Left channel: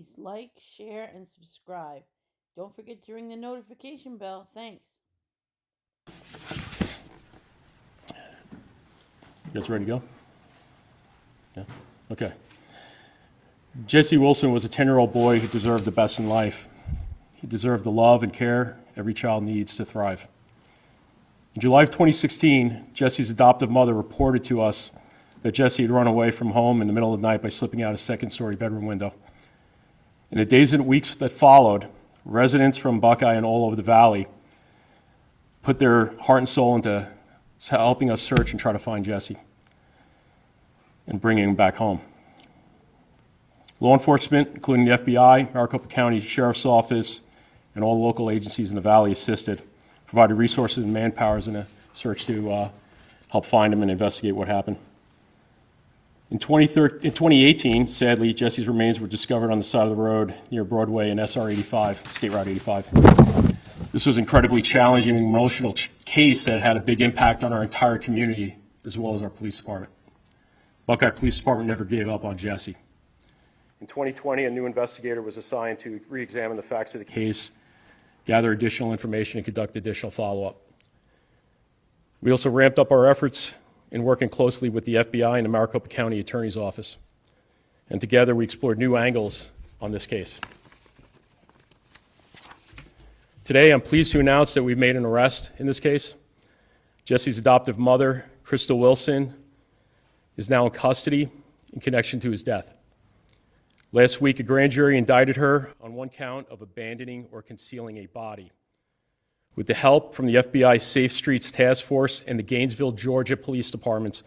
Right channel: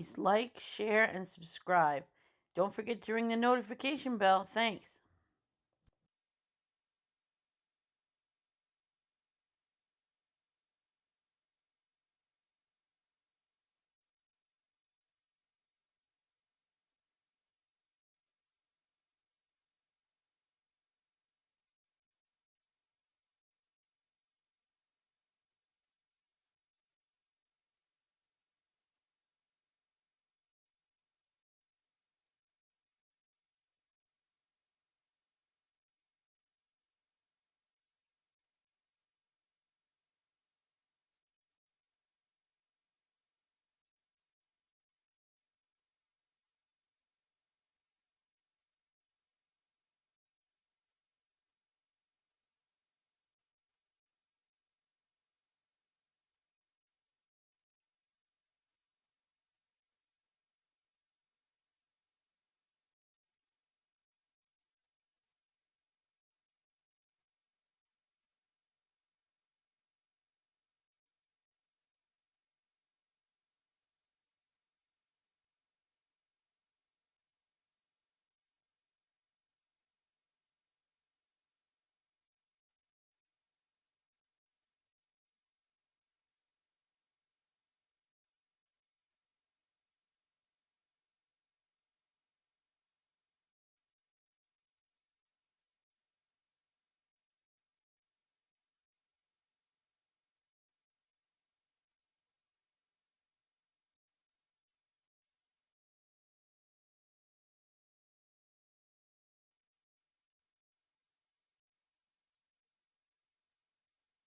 please like, share, and subscribe. Don't forget to ring the notification bell. Thanks. You guys ready to go? Yeah? Okay. Jesse Wilson was a 10-year-old boy who deserved the best in life. He deserved the love and care every child needs to thrive. In July of 2016, Jesse's adoptive mother reported to us that Jesse had run away from home in the middle of the night by slipping out a second-story bedroom window. In the days and weeks that followed, residents from Buckeye and all over the valley put their heart and soul into helping us search and try to find Jesse and bringing him back home. Law enforcement, including the FBI, Maricopa County Sheriff's Office, and all local agencies in the valley assisted, provided resources and manpowers in a search to help find him and investigate what happened. In 2018, sadly, Jesse's remains were discovered on the side of the road near Broadway and SR 85, State Route 85. This was an incredibly challenging and emotional case that had a big impact on our entire community, as well as our police department. Buckeye Police Department never gave up on Jesse. In 2020, a new investigator was assigned to re-examine the facts of the case, gather additional information, and conduct additional follow-up. We also ramped up our efforts in working closely with the FBI and the Maricopa County Attorney's Office. And together we explored new angles on this case. Today, I'm pleased to announce that we've made an arrest in this case. Jesse's adoptive mother, Crystal Wilson, is now in custody in connection to his death. Last week, a grand jury indicted her on one count of abandoning or concealing a body. With the help from the FBI Safe Streets Task Force and the Gainesville, Georgia Police Departments,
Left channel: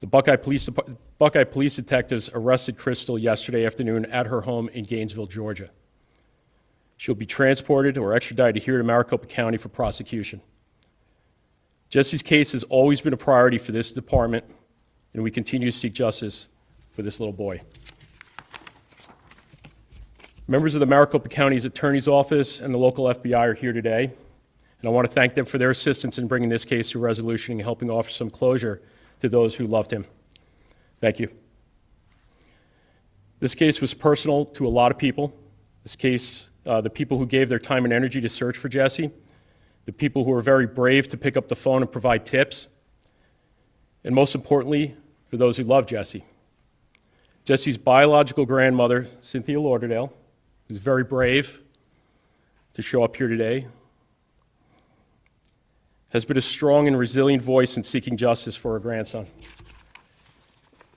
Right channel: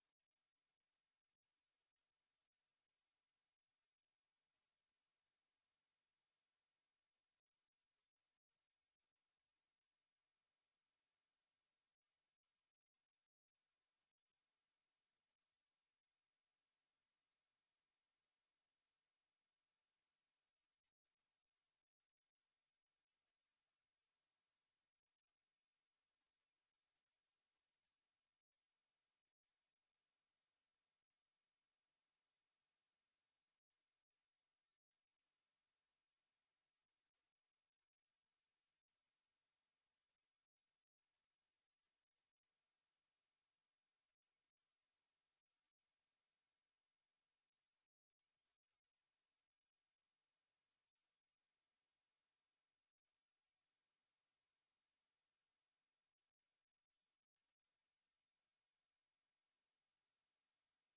the Buckeye Police detectives arrested Crystal yesterday afternoon at her home in Gainesville, Georgia. She'll be transported or extradited here to Maricopa County for prosecution. Jesse's case has always been a priority for this department, and we continue to seek justice for this little boy. Members of the Maricopa County's Attorney's Office and the local FBI are here today, and I want to thank them for their assistance in bringing this case to resolution and helping offer some closure to those who loved him. Thank you. This case was personal to a lot of people. This case, the people who gave their time and energy to search for Jesse, the people who were very brave to pick up the phone and provide tips, and most importantly, for those who loved Jesse. Jesse's biological grandmother, Cynthia Lauderdale, who's very brave to show up here today, has been a strong and resilient voice in seeking justice for her grandson.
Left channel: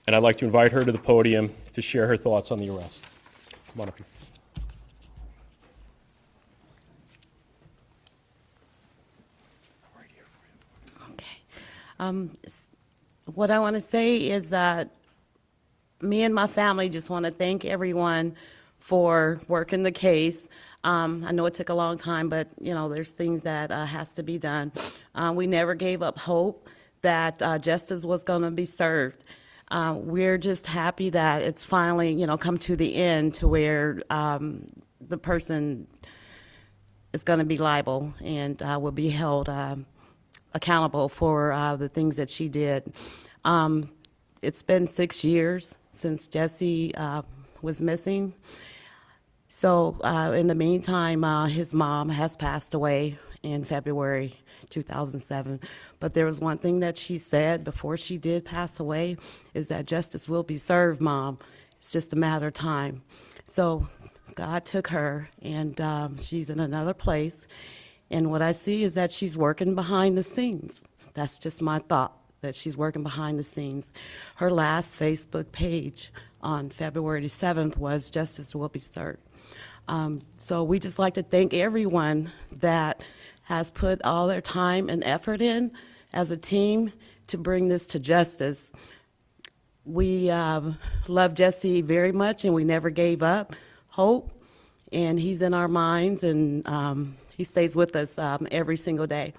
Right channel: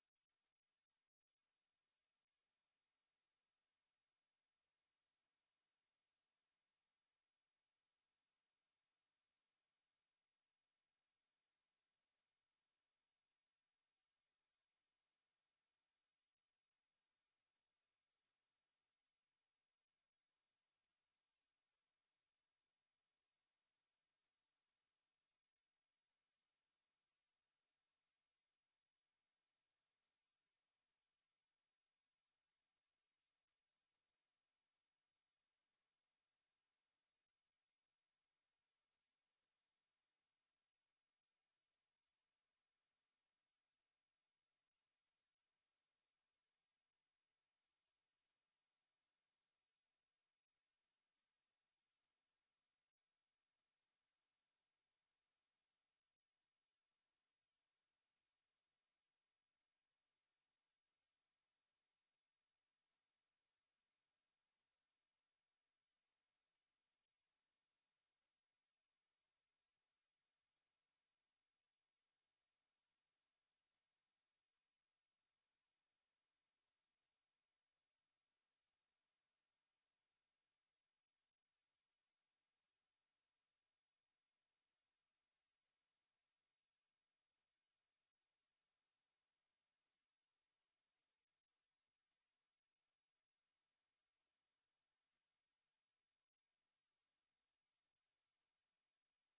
And I'd like to invite her to the podium to share her thoughts on the arrest. Come on up here. What I want to say is that me and my family just want to thank everyone for working the case. I know it took a long time, but there's things that has to be done. We never gave up hope that justice was going to be served. We're just happy that it's finally come to the end to where the person is going to be liable and will be held accountable for the things that she did. It's been 6 years since Jesse was missing. So in the meantime, his mom has passed away in February 2007. But there was one thing that she said before she did pass away, is that justice will be served, Mom. It's just a matter of time. So God took her, and she's in another place. And what I see is that she's working behind the scenes. That's just my thought, that she's working behind the scenes. Her last Facebook page on February 7th was "Justice will be served." So we just like to thank everyone that has put all their time and effort in as a team to bring this to justice. We love Jesse very much, and we never gave up hope. And he's in our minds, and he stays with us every single day.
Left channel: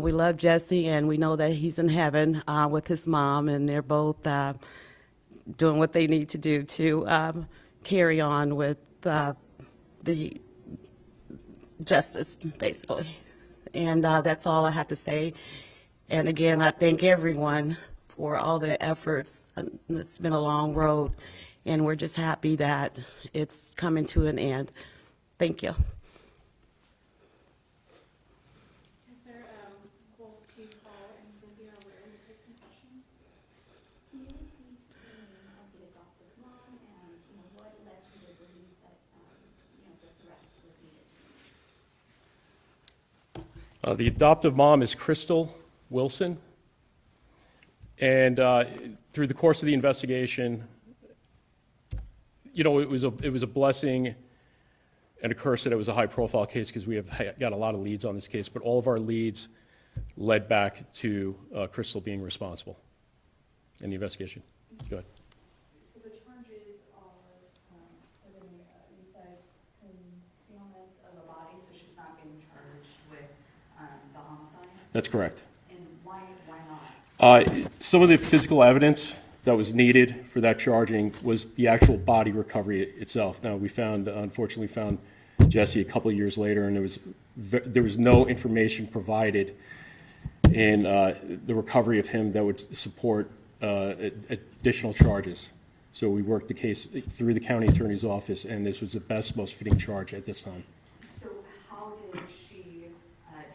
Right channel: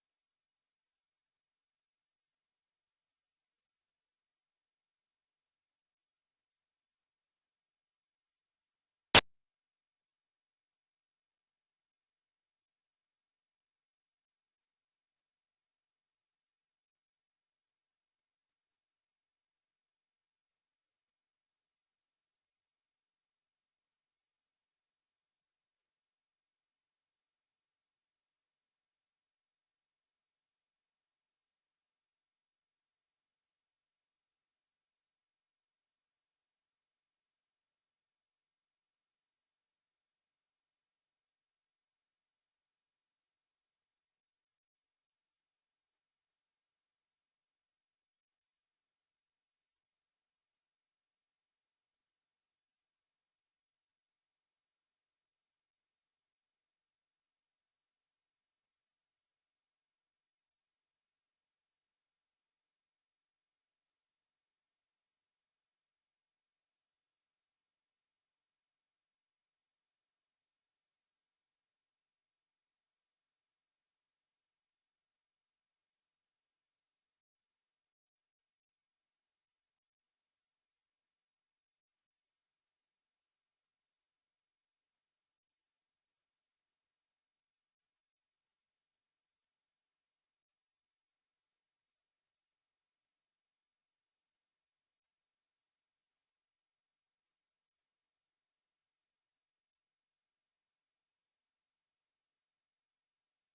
We love Jesse, and we know that he's in heaven with his mom, and they're both doing what they need to do to carry on with the justice, basically. And that's all I have to say. And again, I thank everyone for all their efforts. It's been a long road, and we're just happy that it's coming to an end. Thank you. Is there, both Chief Paul and Cynthia aware you take some questions? Can you repeat the name of the adoptive mom and, what led you to believe that, this arrest was needed? The adoptive mom is Crystal Wilson. And through the course of the investigation, it was a blessing and a curse that it was a high-profile case because we have got a lot of leads on this case, but all of our leads led back to Crystal being responsible in the investigation. Go ahead. So the charges are, you said concealment of a body, so she's not being charged with the homicide? That's correct. And why not? Some of the physical evidence that was needed for that charging was the actual body recovery itself. Now, we unfortunately found Jesse a couple of years later, and there was no information provided in the recovery of him that would support additional charges. So we worked the case through the county attorney's office, and this was the best, most fitting charge at this time. So how did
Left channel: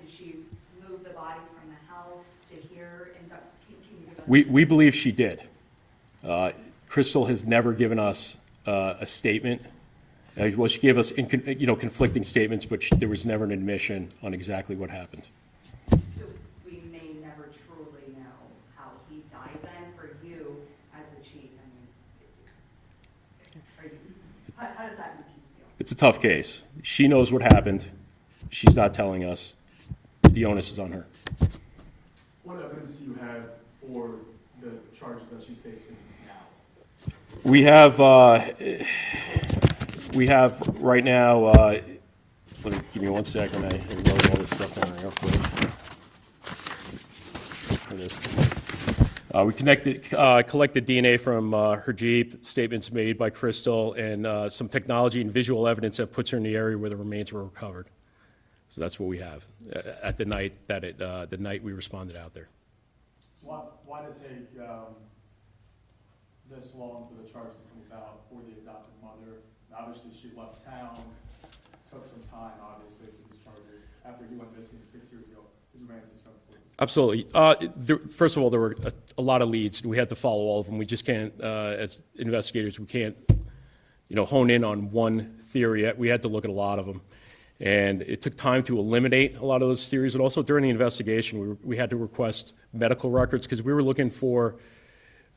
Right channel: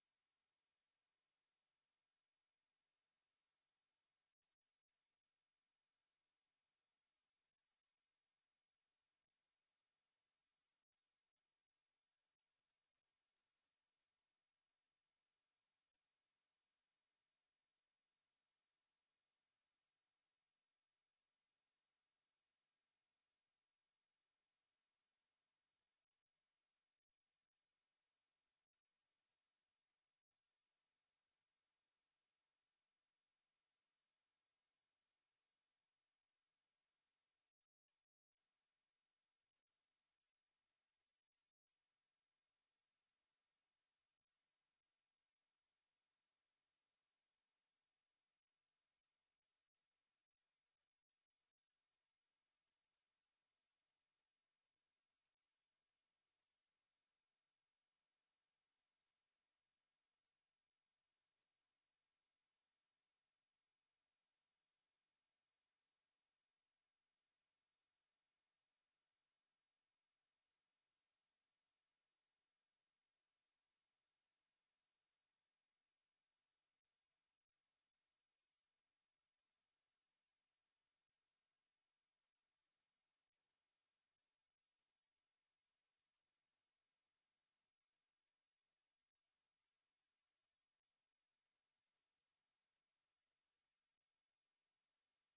she move the body from the house to here? And can you give us? We believe she did. Crystal has never given us a statement. Well, she gave us conflicting statements, but there was never an admission on exactly what happened. So we may never truly know how he died then for you as the chief. How does that make you feel? It's a tough case. She knows what happened. She's not telling us. The onus is on her. What evidence do you have for the charges that she's facing now? We have right now, give me 1 second, I wrote all this stuff down real quick. Here it is. We collected DNA from her Jeep, statements made by Crystal, and some technology and visual evidence that puts her in the area where the remains were recovered. So that's what we have at the night the night we responded out there. Why did it take this long for the charges to come about for the adopted mother? Obviously, she left town, took some time, obviously, for these charges. After he went missing 6 years ago, his remains discovered. Absolutely. First of all, there were a lot of leads, and we had to follow all of them. We just can't, as investigators, we can't, hone in on one theory. We had to look at a lot of them. And it took time to eliminate a lot of those theories. And also during the investigation, we had to request medical records because we were looking for,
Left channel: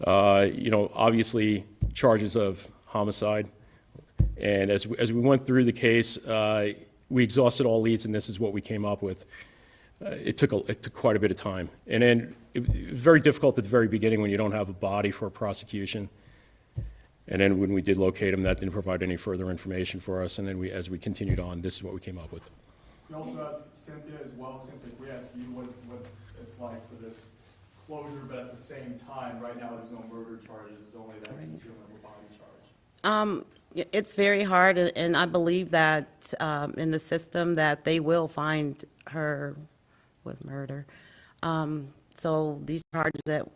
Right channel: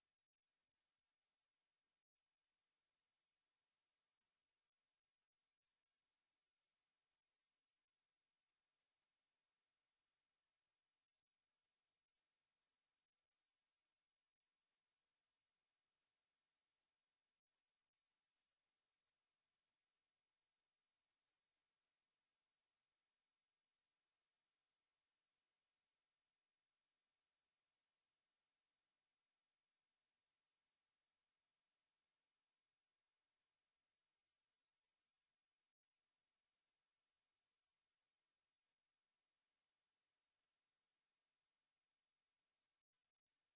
obviously charges of homicide. And as we went through the case, we exhausted all leads, and this is what we came up with. It took quite a bit of time. And then it was very difficult at the very beginning when you don't have a body for a prosecution. And then when we did locate him, that didn't provide any further information for us. And then as we continued on, this is what we came up with. We also asked Cynthia as well. Cynthia, we asked you what it's like for this closure, but at the same time, right now there's no murder charges, there's only that concealment of a body charge. It's very hard, and I believe that in the system that they will find her with murder. So these charges that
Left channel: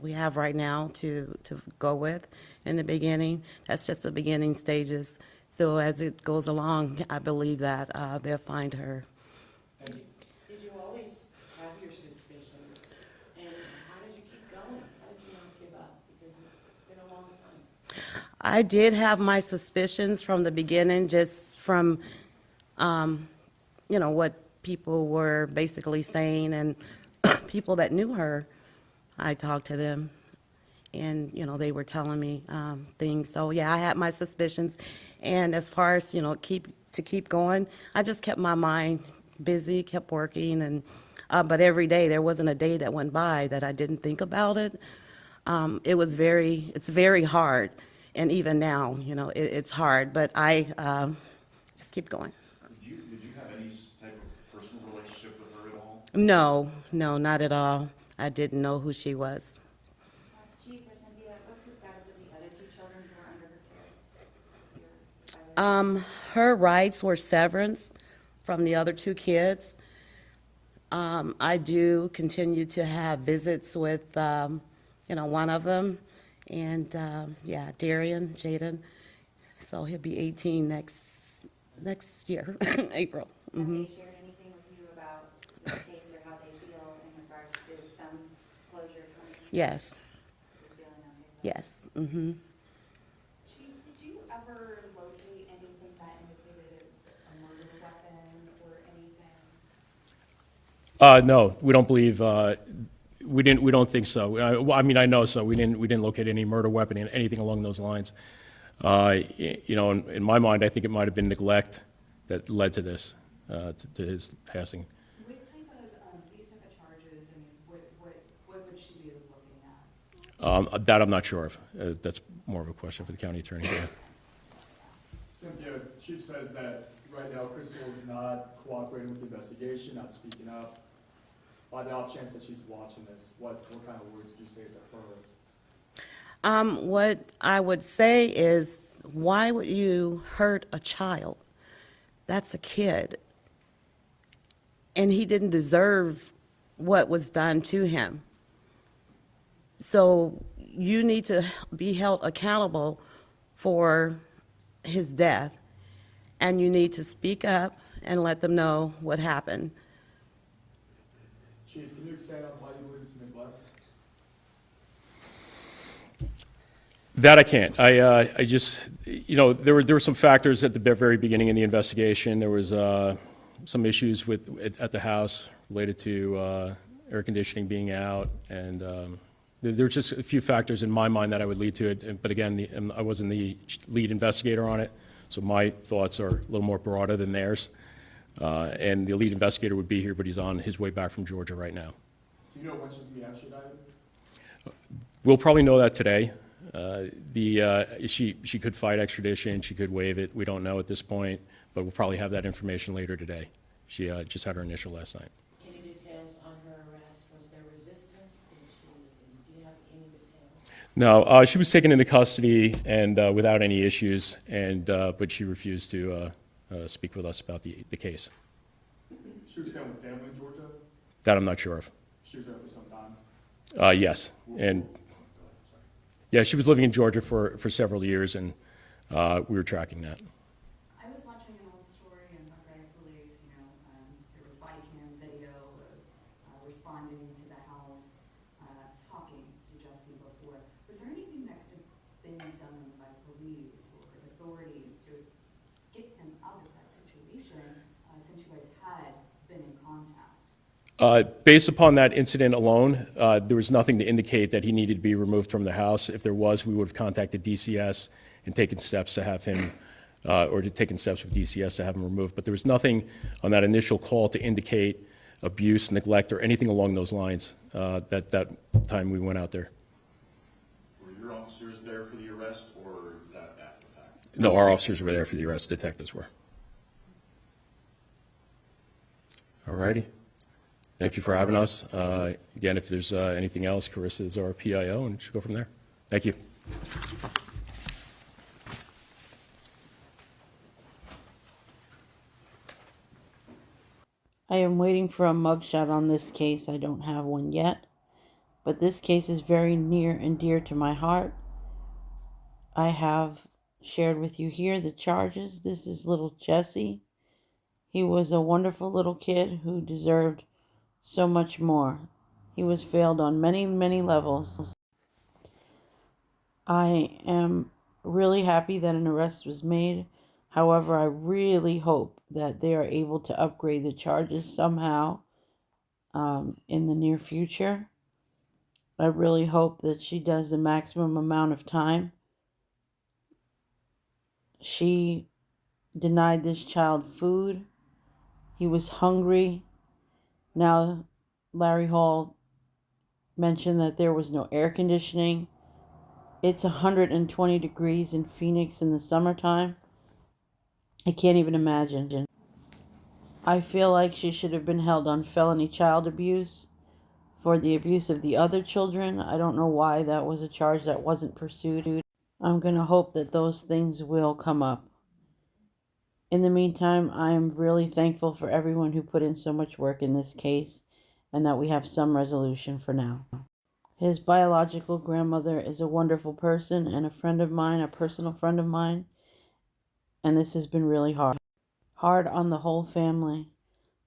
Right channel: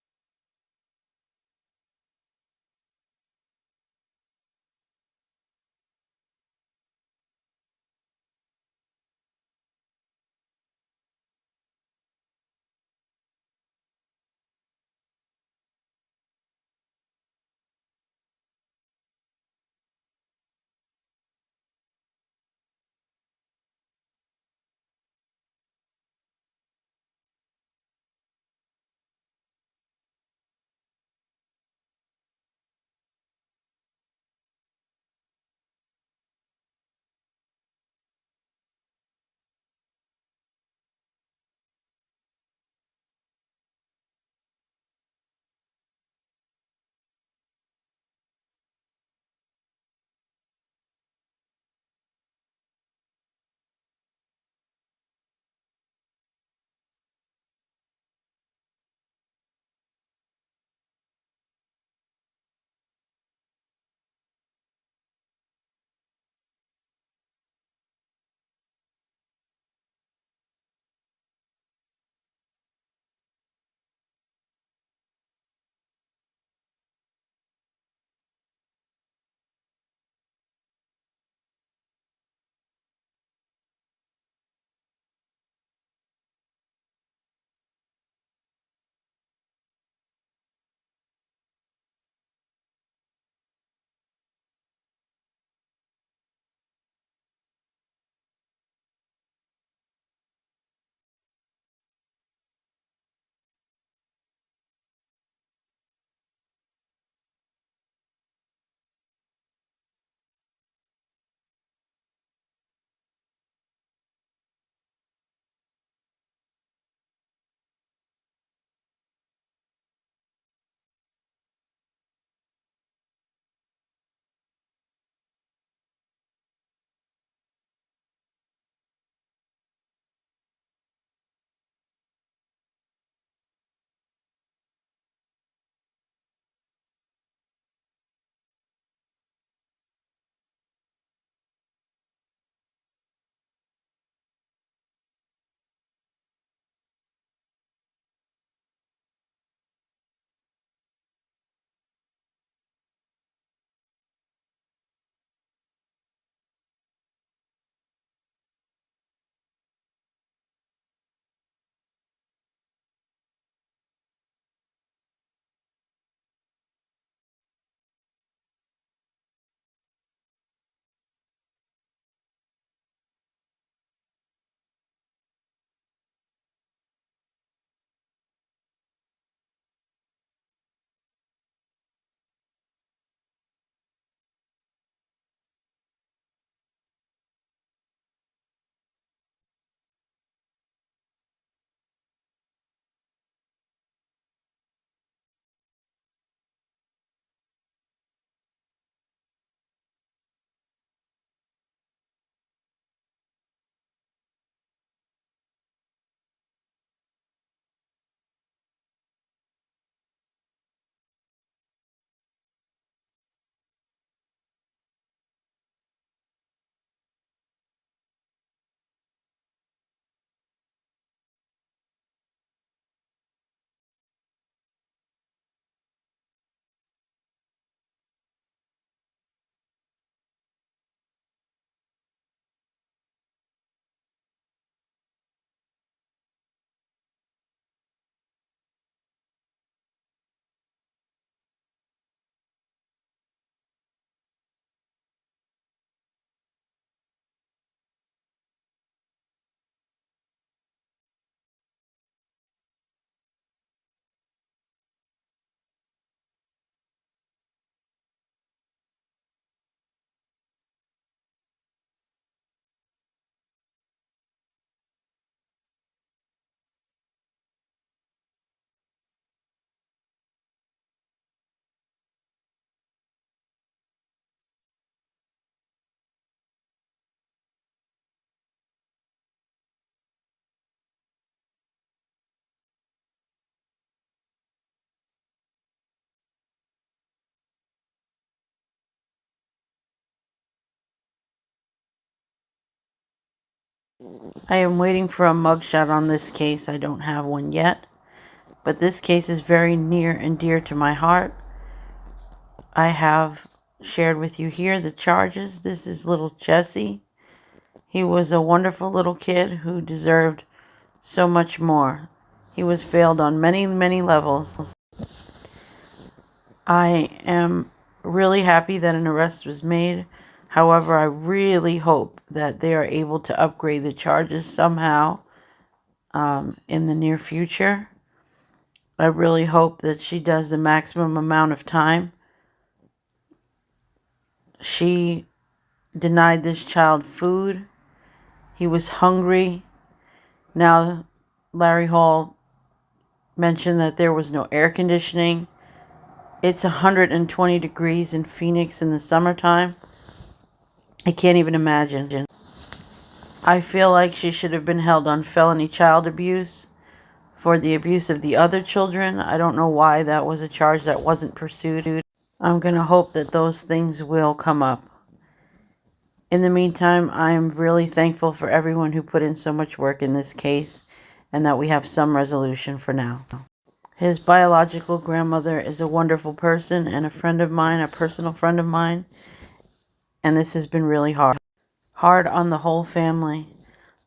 we have right now to go with in the beginning, that's just the beginning stages. So as it goes along, I believe that they'll find her. Did you always have your suspicions? And how did you keep going? How did you not give up? Because it's been a long time. I did have my suspicions from the beginning, just from, what people were basically saying, and people that knew her, I talked to them, and, they were telling me things. So, yeah, I had my suspicions. And as far as, keep going, I just kept my mind busy, kept working, and but every day, there wasn't a day that went by that I didn't think about it. It's very hard. And even now, it's hard, but I just keep going. Did you have any type of personal relationship with her at all? No, not at all. I didn't know who she was. Chief or Cynthia, what's the status of the other two children who are under her care? Her rights were severance from the other two kids. I do continue to have visits with, one of them, And, yeah, Darian, Jaden, so he'll be 18 next year, April. Have they shared anything with you about the case or how they feel in regards to some closure coming? Yes, You're feeling okay about it? yes, mm-hmm. Chief, did you ever locate anything that indicated a murder weapon or anything? No, we don't believe, we don't think so. Well, I mean, I know so. We didn't locate any murder weapon and anything along those lines. You know, in my mind, I think it might have been neglect that led to this, to his passing. What type of, these type of charges, I mean, what would she be looking at? That I'm not sure of. That's more of a question for the county attorney. Yeah. Cynthia, Chief says that right now Crystal is not cooperating with the investigation, not speaking up. By the off chance that she's watching this, what kind of words would you say to her? What I would say is, why would you hurt a child? That's a kid. And he didn't deserve what was done to him. So you need to be held accountable for his death. And you need to speak up and let them know what happened. Chief, can you expand on why you believe it's neglect? That I can't. I just, you know, there were some factors at the very beginning in the investigation. There was some issues at the house related to air conditioning being out, and there were just a few factors in my mind that I would lead to it. But again, I wasn't the lead investigator on it, so my thoughts are a little more broader than theirs. And the lead investigator would be here, but he's on his way back from Georgia right now. Do you know when she's gonna be extradited? We'll probably know that today. She could fight extradition, she could waive it. We don't know at this point, but we'll probably have that information later today. She just had her initial last night. Any details on her arrest? Was there resistance? Do you have any details? No, she was taken into custody and without any issues, and but she refused to speak with us about the case. She was staying with family in Georgia? That I'm not sure of. She was there for some time? Yes, and yeah, she was living in Georgia for several years, and we were tracking that. I was watching an old story in Buckeye Police, you know, there was body cam video of responding to the house, talking to Jesse before. Was there anything that could have been done by police or authorities to get him out of that situation, since you guys had been in contact? Based upon that incident alone, there was nothing to indicate that he needed to be removed from the house. If there was, we would have contacted DCS and taken steps to have him, or to taken steps with DCS to have him removed. But there was nothing on that initial call to indicate abuse, neglect, or anything along those lines that time we went out there. Were your officers there for the arrest, or is that after the fact? No, our officers were there for the arrest. Detectives were. All righty. Thank you for having us. Again, if there's anything else, Carissa is our PIO, and she'll go from there. Thank you. I am waiting for a mugshot on this case. I don't have one yet, but this case is very near and dear to my heart. I have shared with you here the charges. This is little Jesse. He was a wonderful little kid who deserved so much more. He was failed on many, many levels. I am really happy that an arrest was made. However, I really hope that they are able to upgrade the charges somehow in the near future. I really hope that she does the maximum amount of time. She denied this child food. He was hungry. Now, Larry Hall mentioned that there was no air conditioning. It's 120 degrees in Phoenix in the summertime. I can't even imagine. I feel like she should have been held on felony child abuse for the abuse of the other children. I don't know why that was a charge that wasn't pursued. I'm going to hope that those things will come up. In the meantime, I am really thankful for everyone who put in so much work in this case and that we have some resolution for now. His biological grandmother is a wonderful person and a friend of mine, a personal friend of mine. And this has been really hard. Hard on the whole family.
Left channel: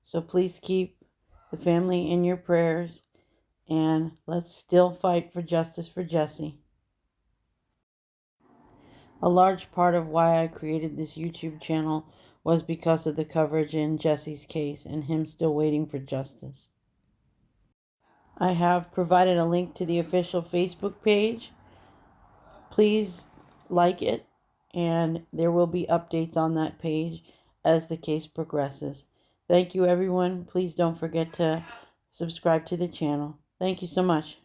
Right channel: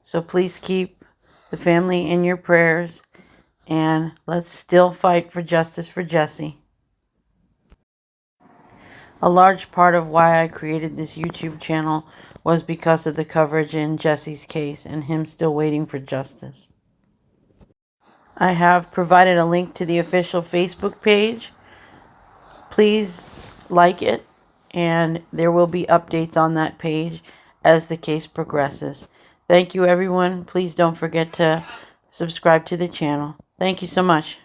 So please keep the family in your prayers. And let's still fight for justice for Jesse. A large part of why I created this YouTube channel was because of the coverage in Jesse's case and him still waiting for justice. I have provided a link to the official Facebook page. Please like it, and there will be updates on that page as the case progresses. Thank you, everyone. Please don't forget to subscribe to the channel. Thank you so much.